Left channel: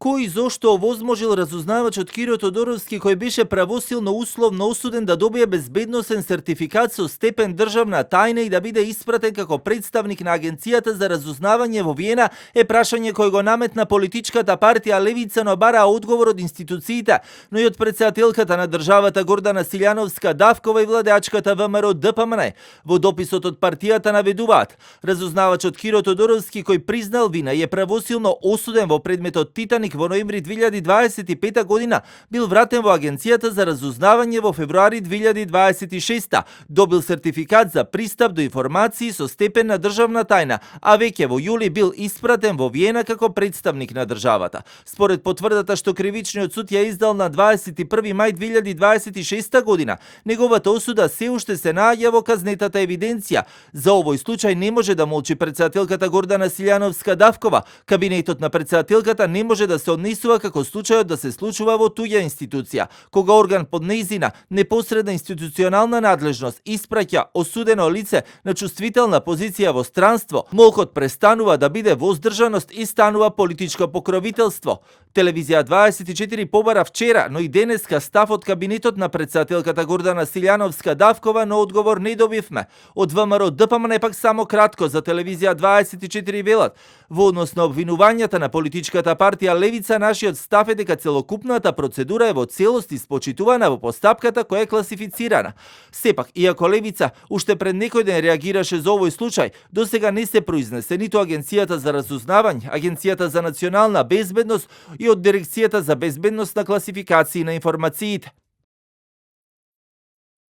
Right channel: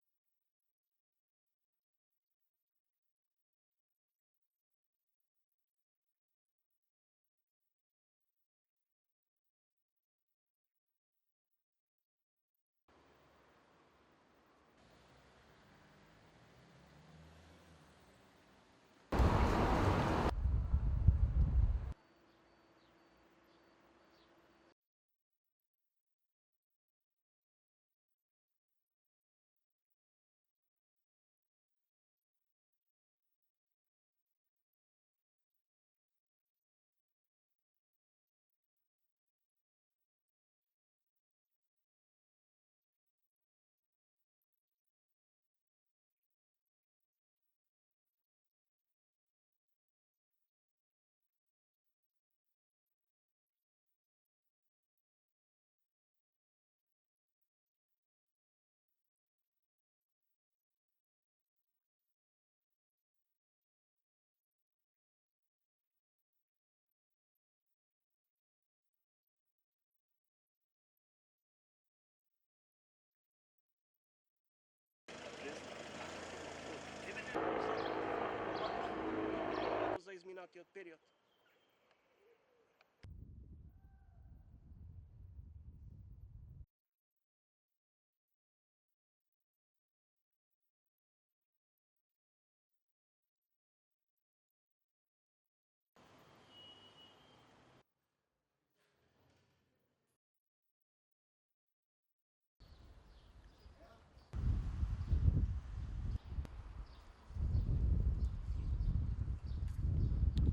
Кој и зошто овозможил разузнавачот Киро Тодоровски, кој беше правосилно условно осуден да добие безбедносен сертификат со степен државна тајна и да биде испратен како представник на Агенцијата за разузнавање во Виена, е прашање кој го наметна политичката партија Левица, но бара одговор од институциите, но и од претседателката на државата Гордана Силјановска-Давкова и владеачката ВМРО ДПМН. Во дописот од партијата наведуваат: разузнавачот Киро Тодоровски, кој признал вина и е правосилно осуден во предметот Титаник во ноември 2025 година, бил вратен во Агенцијата за разузнавање во февруари 2026, добил сертификат за пристап до информации со степен на државна тајна, а веќе во јули бил испратен во Виена како представник на државата. Според потврдата што кривичниот суд ја издал на 21 мај 2026 година, неговата осуда се уште се наоѓа во казнетата евиденција. За овој случај не може да молчи претседателката Гордана Силјановска-Давкова. Кабинетот на претседателката не може да се однесува како случајот да се случува во туѓа институција, кога орган под нејзина непосредна институционална надлежност испраќа осудено лице на чувствителна позиција во странство, молкот престанува да биде воздржаност и станува политичко покровителство. Телевизија 24 побара вчера, но и денеска став од кабинетот на претседателката Гордана Силјановска-Давкова, но одговор не добивме. Од ВМРО ДПМН пак само кратко за телевизија 24 велат: во однос на обвинувањата на политичката партија Левица, нашиот став е дека целокупната процедура е во целост испочитувана во постапката која е класифицирана. Сепак, иако Левица уште пред некој ден реагираше за овој случај, досега не се произнесе ниту Агенцијата за разузнавање, Агенцијата за национална безбедност и од Дирекцијата за безбедност на класификации на информациите.